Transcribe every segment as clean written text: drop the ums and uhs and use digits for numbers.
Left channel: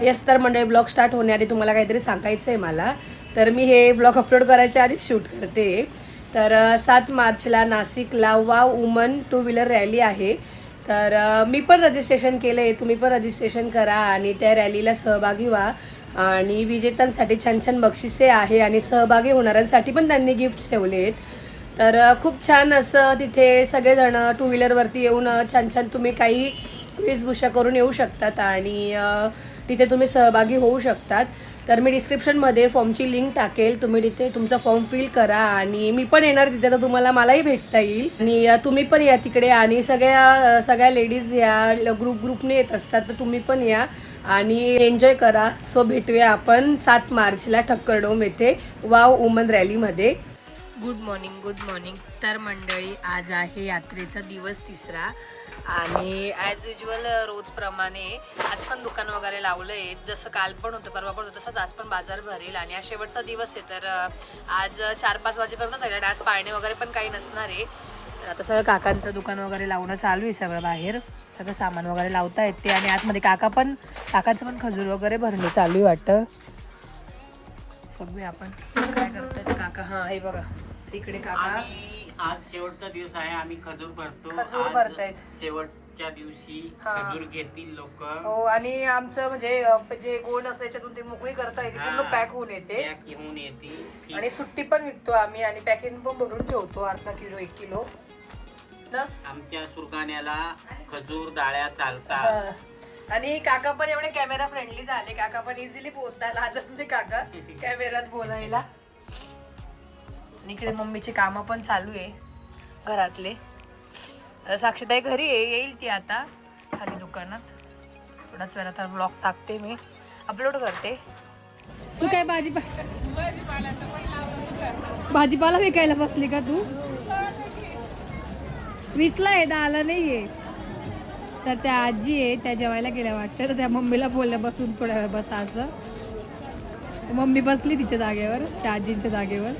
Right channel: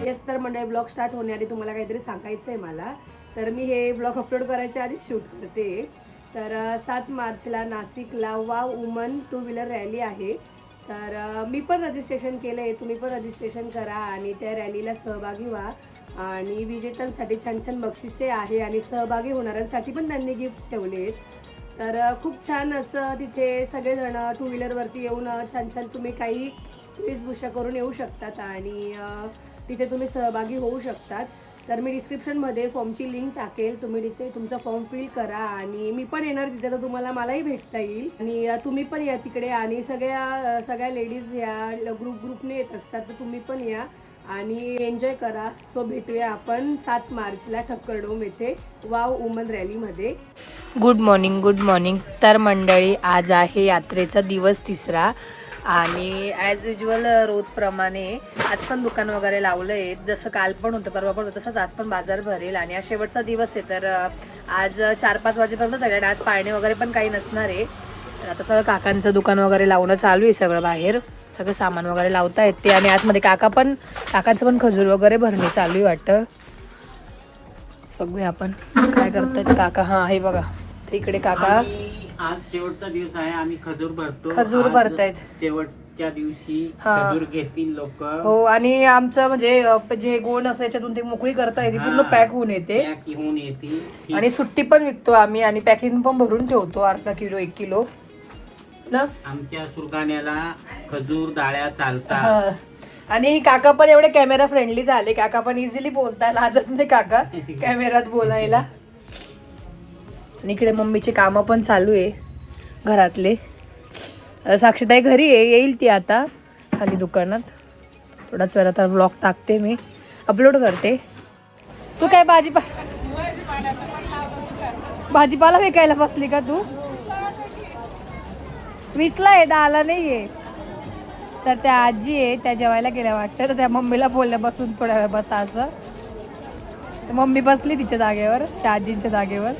Yes तर मंडळी blog start होण्याआधी तुम्हाला काहीतरी सांगायचं आहे मला. तर मी हे ब्लॉग अपलोड करायच्या आधी शूट करते. तर 7 मार्चला नाशिकला वाव वुमन 2 व्हीलर रॅली आहे. तर मी पण रजिस्ट्रेशन केलं आहे, तुम्ही पण रजिस्ट्रेशन करा आणि त्या रॅलीला सहभागी व्हा. आणि विजेत्यांसाठी छान छान बक्षिसे आहे आणि सहभागी होणाऱ्यांसाठी पण त्यांनी गिफ्ट ठेवले आहेत. तर खूप छान असं तिथे सगळेजण 2 व्हीलरवरती येऊन छान छान तुम्ही काही वेशभूषा करून येऊ शकतात आणि तिथे तुम्ही सहभागी होऊ शकतात. तर मी डिस्क्रिप्शनमध्ये फॉर्मची लिंक टाकेल, तुम्ही तिथे तुमचा फॉर्म फिल करा आणि मी पण येणार तिथे, तर तुम्हाला मलाही भेटता येईल आणि तुम्ही पण या तिकडे. आणि सगळ्या लेडीज या ग्रुपने येत असतात, तर तुम्ही पण या आणि एन्जॉय करा. सो भेटूया आपण 7 मार्चला ठक्करडोम येथे वाव वुमन रॅलीमध्ये. Good morning. तर मंडळी, आज आहे यात्रेचा दिवस 3रा आणि ॲज युजल रोजप्रमाणे आज पण दुकान वगैरे लावलं आहे. जसं काल पण होतं, परवा पण होतं, तसंच आज पण बाजार भरेल आणि आज शेवटचा दिवस आहे. तर आज 4-5 वाजेपर्यंत झाले आणि आज पाळणे वगैरे पण काही नसणार आहे. आता सगळं काकांचं दुकान वगैरे लावणं चालू आहे, सगळं बाहेर सगळं सामान वगैरे लावता येते आणि आतमध्ये काकांचं पण खजूर वगैरे भरणे चालू आहे वाटतं. बघूया आपण काय करतायत काका. हा हे बघा, इकडे काका आज शेवटचा दिवस आहे, आम्ही खजूर भरतो. खजूर भरतायत शेवटच्या दिवशी हा. खजूर घेतील लोक. हो आणि आमचं म्हणजे जे गोण असं याच्यातून ते मोकळी करता येते, पूर्ण पॅक होऊन येते घेऊन येतील आणि सुट्टी पण विकतो आम्ही आणि पॅकिंग पण भरून ठेवतो, अर्धा किलो 1 किलो ना. आमच्या सुरगाण्याला खजूर डाळ्या चालतात. हा. आणि काका पण एवढे कॅमेरा फ्रेंडली झाले, काका पण इझिली बोलतात, लाजत नाही काका कॅमेऱ्यात बोलायला. आणि इकडे मम्मीचे कामं पण चालू आहे घरातले. साक्षीताई घरी आहे, येईल ती आता खाली दुकानात. थोडाच वेळा तर व्लॉग टाकते, मी अपलोड करते. तू काय भाजीपाला विकायला बसली का तू? 20ला आहे, 10ला नाही आहे. तर त्या आजी आहे, त्या जेवायला गेल्या वाटतं, तर त्या मम्मीला बोलल्या बसून थोड्या वेळ बसा असं. मम्मी बसली तिच्या जागेवर, त्या आजींच्या जागेवर.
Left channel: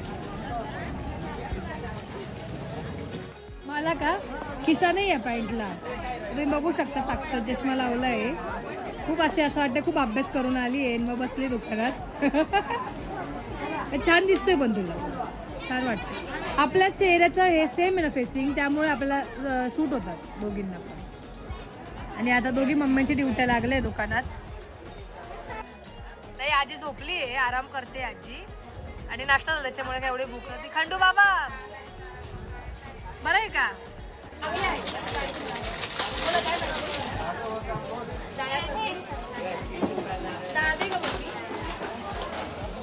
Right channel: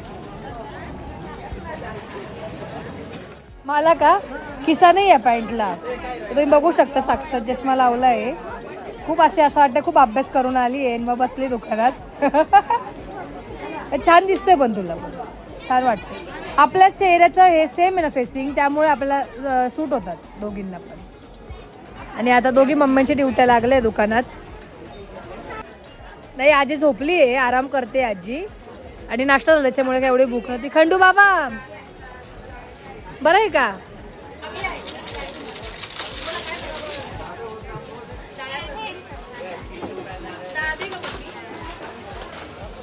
मला का खिसा नाही आहे पॅन्टला, तुम्ही बघू शकता. साक्षात चष्मा लावला आहे. खूप असं वाटतं खूप अभ्यास करून आली आहे मग बसली दुकानात. छान दिसतोय पण तुला, छान वाटतं. आपल्या चेहऱ्याचं हे सेम आहे ना फेसिंग, त्यामुळे आपल्याला सूट होतात दोघींना पण. आणि आता दोघी मम्मींची ड्युट्या लागल्या दुकानात. नाही, आजी झोपली आहे, आराम करते आजी. आणि नाश्ता झाला त्याच्यामुळे काय एवढी भूक नव्हती. खंडू बाबा बरं आहे का?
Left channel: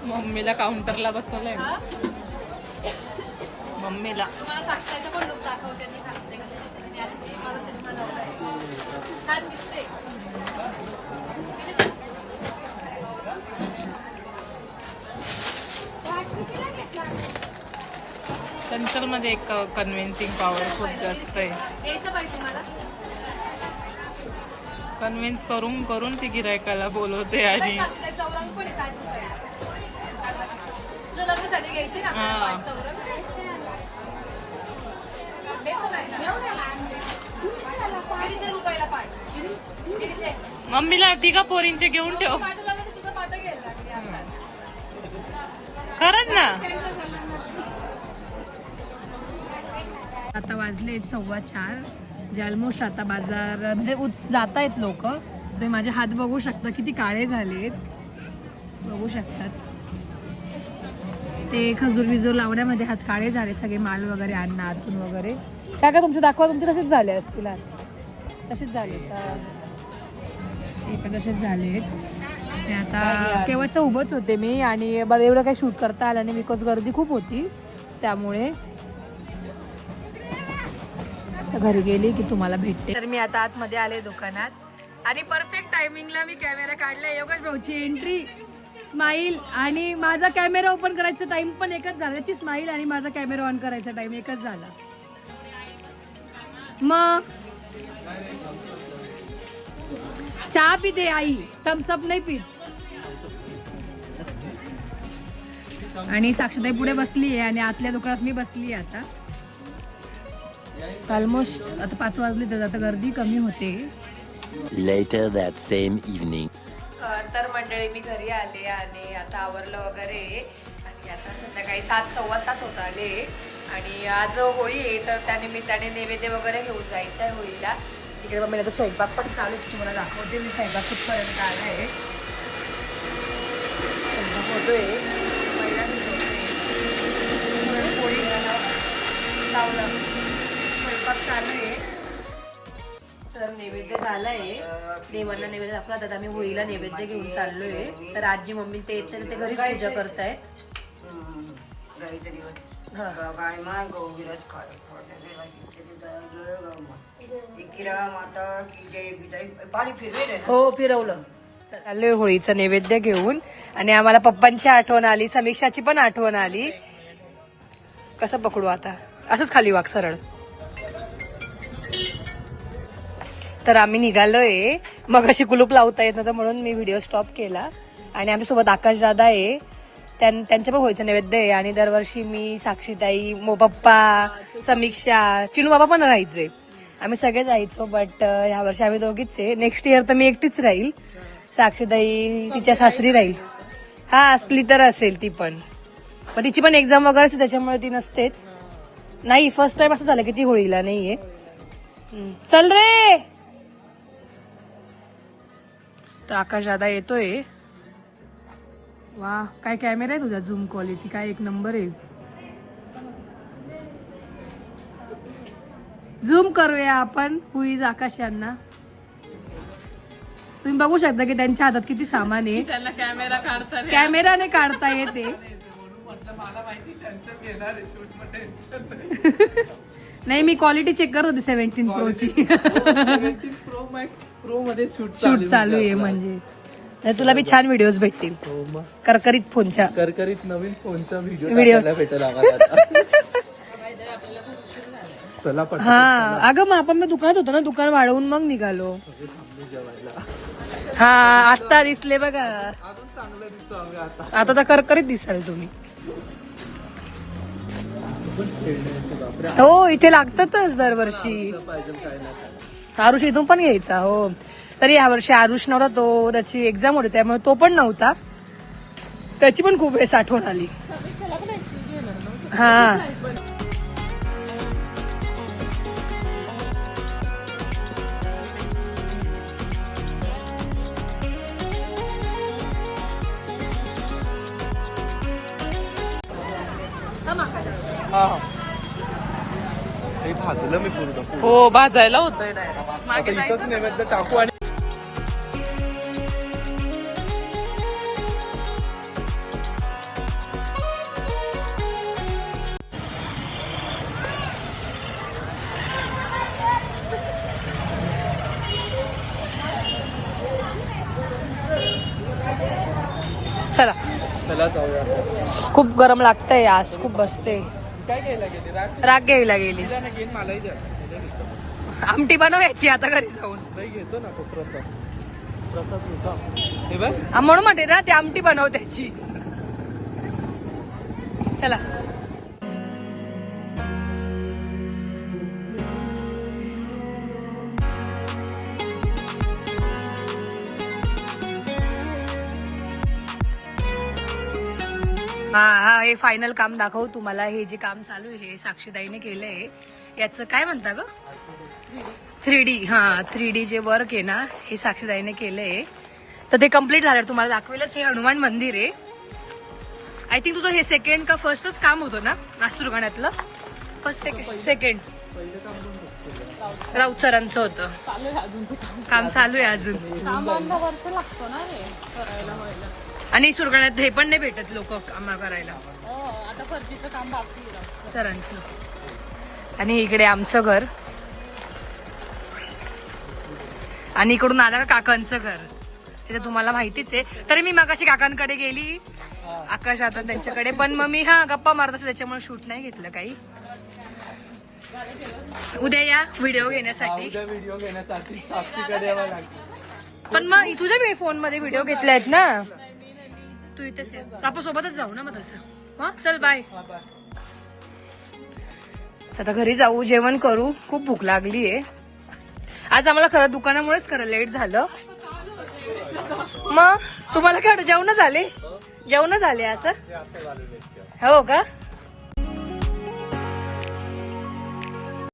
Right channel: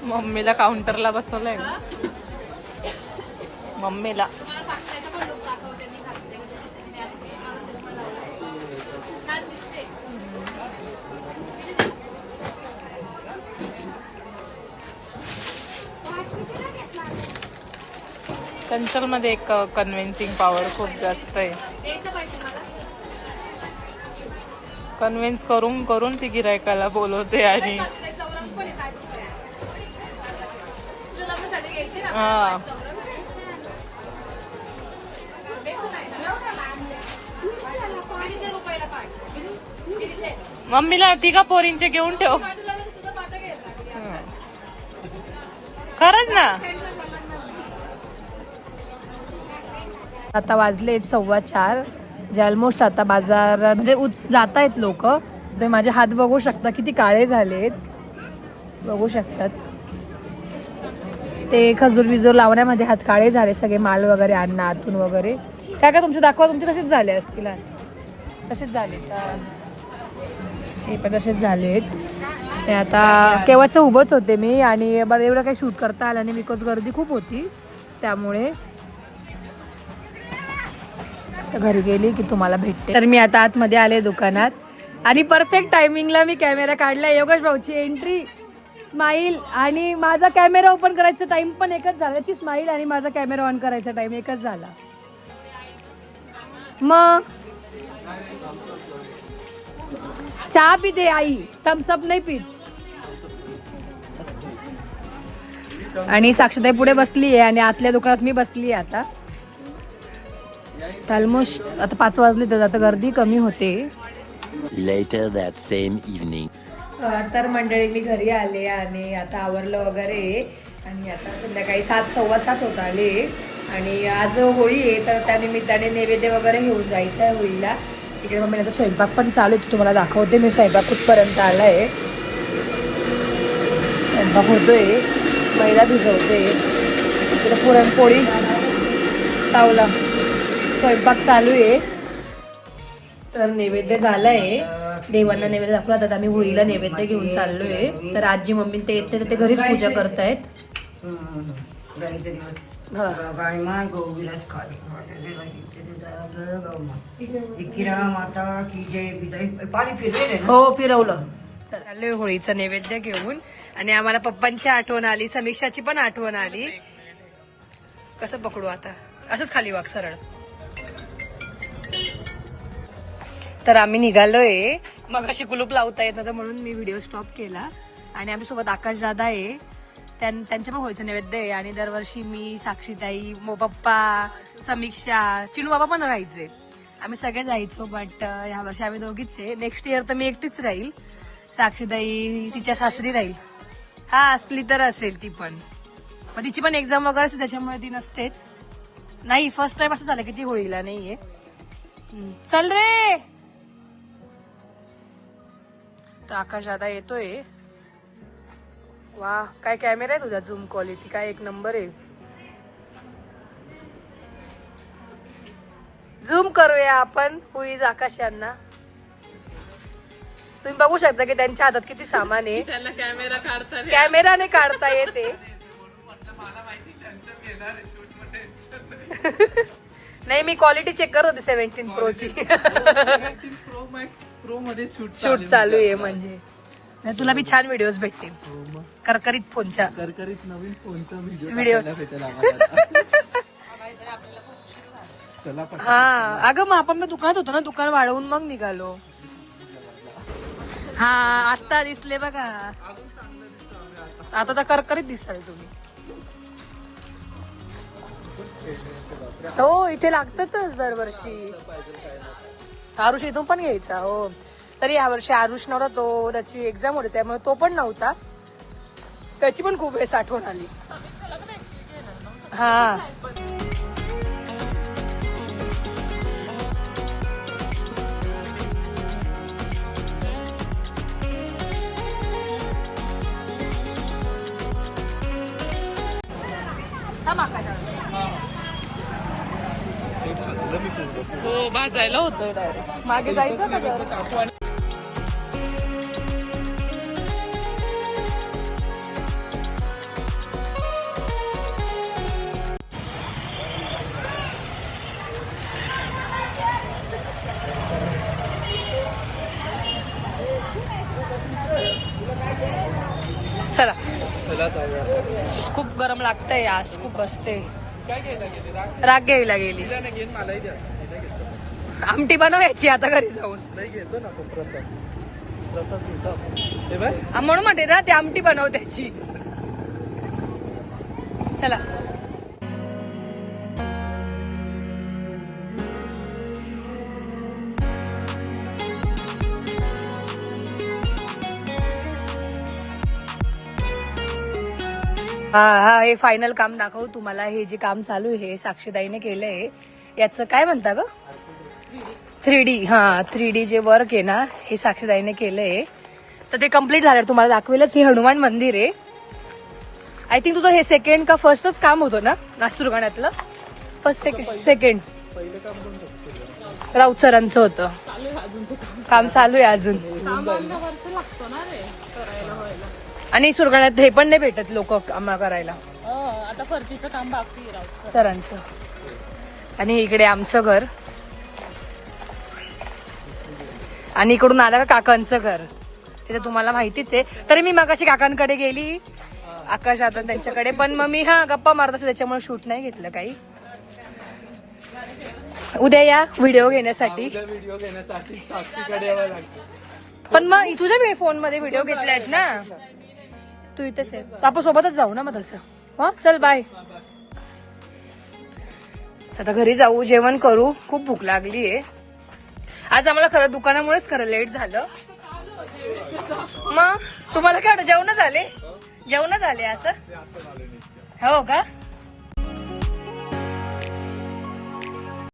मम्मीला काउंटरला बसवलंय, मम्मीला. चंचल मध्ये एक कन्व्हिन्सिंग पॉवर खूप जास्त आहे. कन्व्हिन्स करून करून ती गिरायकाला बोलवते आणि हा. मम्मीला तिघा पोरींचे घेऊन ठेव. खरंच ना. आता वाजले 4:15, जे ऑलमोस्ट आता बाजार म्हणजे जात आहेत लोक. ते माझे हात बघू शकता किती काळे झालेत, बघू शकतात. ते खजूर बिजूर लावण्यामध्ये हात काळे झाले सगळे, माल वगैरे आणणं आतून वगैरे. काय काय तुमचे दाखवा, तुमचे तसेच झाले असतील ना, तसेच झाले. हे पण तसेच झालेत. आता केव्हाचं उभंच होते मी आणि मला एवढं काही शूट करता आलं नाही, बिकॉज गर्दी खूप होती. त्यामुळे घरी गेली की तुम्हाला भेटते. तर मी आता आतमध्ये आले दुकानात आणि परफेक्ट टायमिंगला मी कॅमेरा काढला. योगेश भाऊची एंट्री, स्माईल आणि माझा कॅमेरा ओपन करायचा टाइम पण एकच झाला. त्याची स्माईल आणि माझा कॅमेरा ऑन करायचा टाइम एकच झाला. मग चहा पिते आई, थम्सअप नाही पीत. आणि साक्षीताई पुढे बसली आहे आणि आतल्या दुकानात मी बसली आहे. आता ऑलमोस्ट आता 5 वाजले, तर आता गर्दी कमी होते. Later that same evening. तर मंडळी मी घरी आले आणि आता आवरलं वगैरे आणि आता संध्याकाळी 7:15 होत आले आणि आज होळी आहे तर त्यानिमित्ताने नैवेद्य वगैरे घेऊन जायचं आहे होळीला. तिकडे मम्मी आता स्वयंपाक पण चालू आहे, तुम्हाला दाखवते मी स्वयंपाक कुठपर्यंत आला आहे. स्वयंपाक होतोय, मैदा भिजवते, तिकडे पुरणपोळी तावला स्वयंपाक चालू आहे. तर नैवेद्य झालाय, देवांना नैवेद्य दाखवला. आता आम्ही होळीला नैवेद्य घेऊन चाललोय. तर आजी मम्मी ते येते तर ते घरीच पूजा करतायत. हो फिरवलं. चाललोय होळीचं नैवेद्य घेऊन आणि आम्हाला पप्पांची आठवण आली, समीक्षाची पण आठवण आली. कसं पकडू आता, असंच खाली वाग सरळ. तर आम्ही निघालोय, मग अशी कुलूप लावता येत नव्हतं म्हणून मी व्हिडिओ स्टॉप केला. आणि आमच्या सोबत आकाश दादा आहे, त्यांच्या पण होळीचं नैवेद्य आहे. आणि दरवर्षी मी, साक्षीताई, पप्पा, समीक्षा, चिनू बाबा पण राहायचे, आम्ही सगळे जायचो. बट ह्या वर्षी आम्ही दोघीच आहे. नेक्स्ट इयर तर मी एकटीच राहील, साक्षीताई तिच्या सासरी राहील. हा असली तर असेल ती पण तिची पण एक्झाम वगैरे असते त्याच्यामुळे ती नसतेच. नाही फर्स्ट टाइम असं झालं की ती होळीला नाहीये. चल रे. तर आकाश दादा येतोय. वा काय कॅमेरा आहे तुझा, झूम क्वालिटी काय एक नंबर आहे. झूम करूया आपण हुईज आकाश यांना. तुम्ही बघू शकता की त्यांच्या हातात किती सामान आहे. कॅमेराने काढता येते. नाही मी क्वालिटी चेक करत होते 17 प्रोची. प्रो मध्ये शूट चालू आहे म्हणजे तुला बी छान व्हिडिओज भेटतील. करकरीत फोनच्या, करकरीत नवीन फोनचा व्हिडिओ भेटेल चला पण. हा अगं मग आपण दुकानात होतो ना, दुकान वाढवून मग निघालो. हा आता दिसले बघा, आता तर करकरीत दिसाल तुम्ही. हो इथे लागतातच दरवर्षी. आरुष इथून पण घ्यायचा. हो तरी यावर्षी आरुष नव्हता, तो त्याची एक्झाम होती त्यामुळे तो पण नव्हता. त्याची पण खूप वेळेस आठवण आली. हा हो भाजायला होतोय डायरेक्ट. मागे जायचं ना टाकू आणि चला. चला जाऊया. खूप गरम लागतंय आज, खूप बसते. काय घ्यायला गेली राग घ्यायला गेली. मलाही द्या. आमटी बनवायची आता घरी जाऊन. नाही घेतो ना आपण प्रसाद घेतो आपण. हे बघ म्हणून म्हणते ना ती आमटी बनव त्याची. चला हा हे फायनल काम दाखवू तुम्हाला. हे जे काम चालू आहे हे साक्षीताईने केलंय. याचं काय म्हणता ग, 3D. हा 3D जे वर्क आहे ना हे साक्षीताईने केलंय. तर ते कम्प्लीट झालं तुम्हाला दाखवेलच. हे हनुमान मंदिर आहे. आय थिंक तुझं हे सेकंड का फर्स्टच काम होतं ना नागपूर गाण्यातलं. फर्स्ट सेकंड राऊत सरांचं होतं. काम चालू आहे अजून. आणि सुरगाण्यात हे पण नाही भेटत लोक आम्हा करायला सरांचं. आणि इकडे आमचं घर आणि इकडून आलं का काकांचं घर. ते तुम्हाला माहितीच आहे. तरी मी मगाशी काकांकडे गेली, आकाश आता त्यांच्याकडे. पण मग मी गप्पा मारत असे त्याच्यामुळे शूट नाही घेतलं काही. उद्या या व्हिडिओ घेण्यासाठी. व्हिडिओ घेण्यासाठी साक्षीकडे यावं लागतं. पण मग तुझ्या फोन मध्ये व्हिडिओ घेतलायत ना, तू इथेच आहे. आपण सोबतच जाऊ ना मग तसं. हा चल बाय. आता घरी जाऊ, जेवण करू. खूप भूक लागली आहे आज आम्हाला. खरं दुकानामुळेच खरं लेट झालं. मग तुम्हाला काय जेवण झाले असं हो का